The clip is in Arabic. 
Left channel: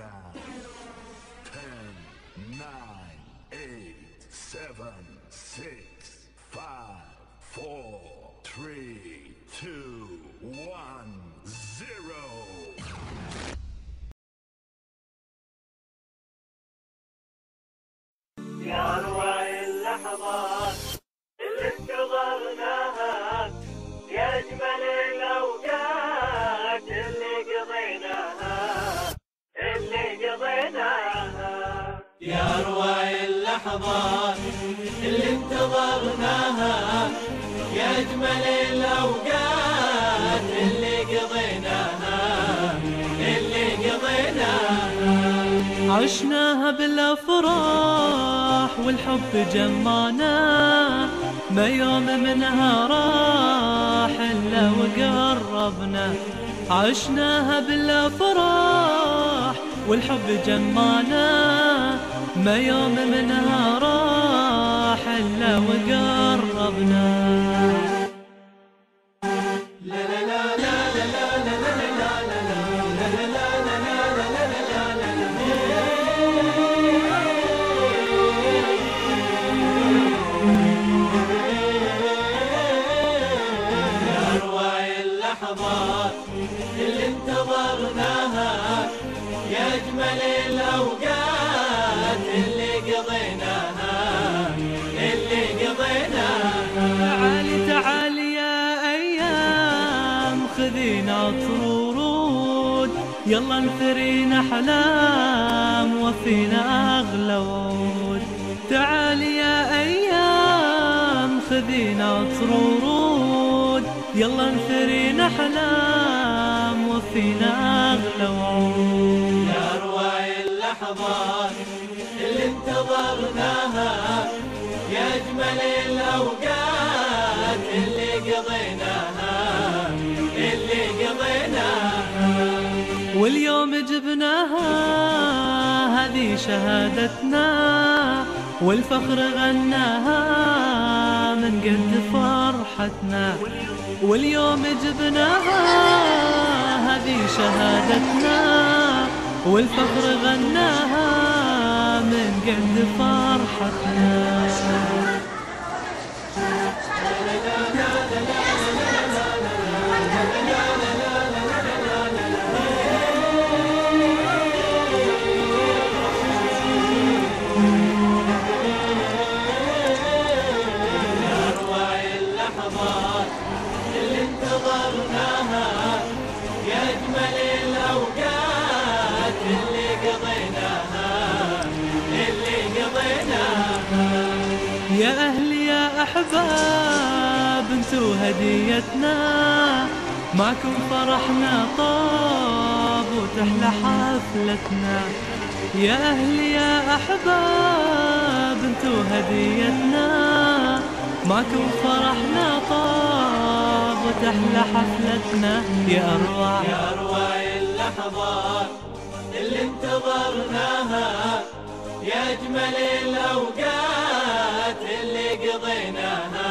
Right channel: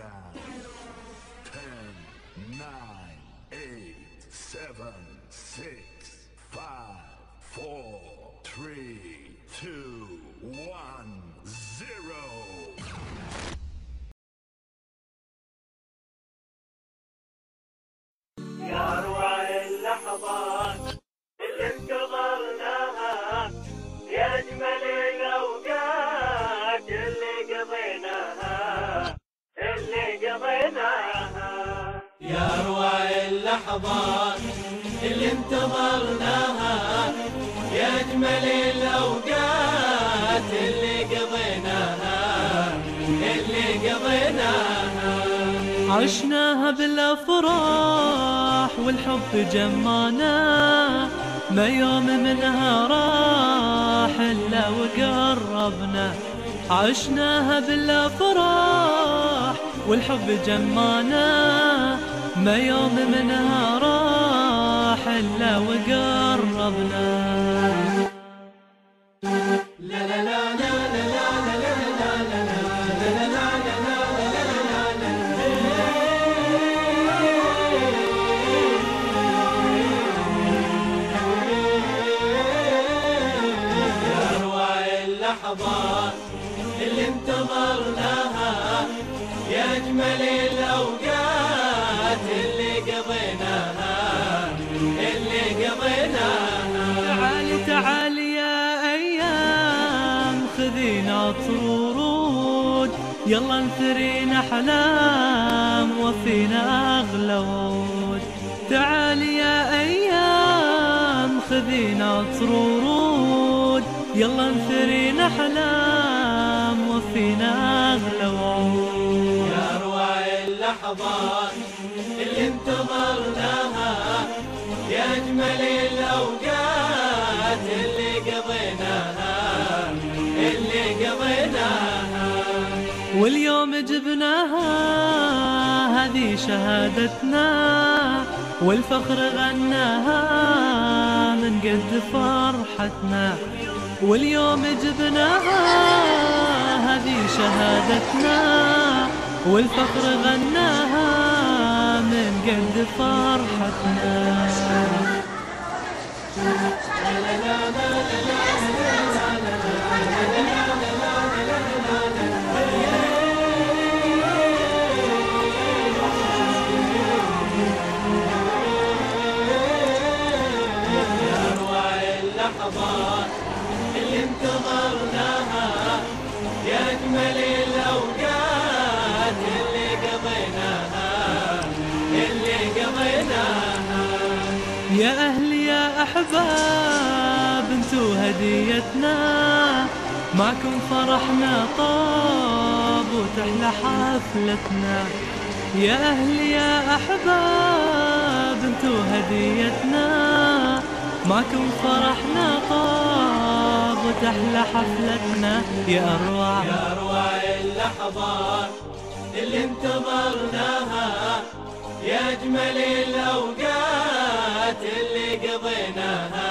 down. 10, 9, 8, 7, 6, 5, 4, 3, 2, 1, 0. يا أروع اللحظات اللي انتظرناها، يا أجمل الأوقات اللي قضيناها. يا أروع اللحظات اللي انتظرناها، يا أجمل الأوقات اللي قضيناها. عشناها بالأفراح والحب جمعنا، ما يوم منها راح إلا وقربنا. عشناها بالأفراح والحب جمعنا، ما يوم منها راح إلا وقربنا. اللي انتظرناها، يا أجمل الأوقات اللي قضيناها. تعالي تعالي يا أيام، خذينا عطر ورود، يلا نثرينا أحلام وفينا أغلى وعود. تعالي يا أيام، خذينا عطر ورود، يلا نثرينا أحلام وفينا أغلى وعود. يا أروع اللحظات اللي انتظرناها، يا أجمل الأوقات اللي قضيناها. واليوم جبناها، هذه شهادتنا، والفخر غناها من قد فرحتنا. واليوم جبناها، هذه شهادتنا، والفخر غناها من قد فرحتنا. يا أهلي يا أحباب، انتو هديتنا، معكم فرحنا طاب وتحلى حفلتنا. يا أهلي يا أحباب، انتو هديتنا، معكم فرحنا طاب وتحلى حفلتنا. يا أروع اللحظات اللي انتظرناها، يا أجمل الأوقات اللي قضيناها.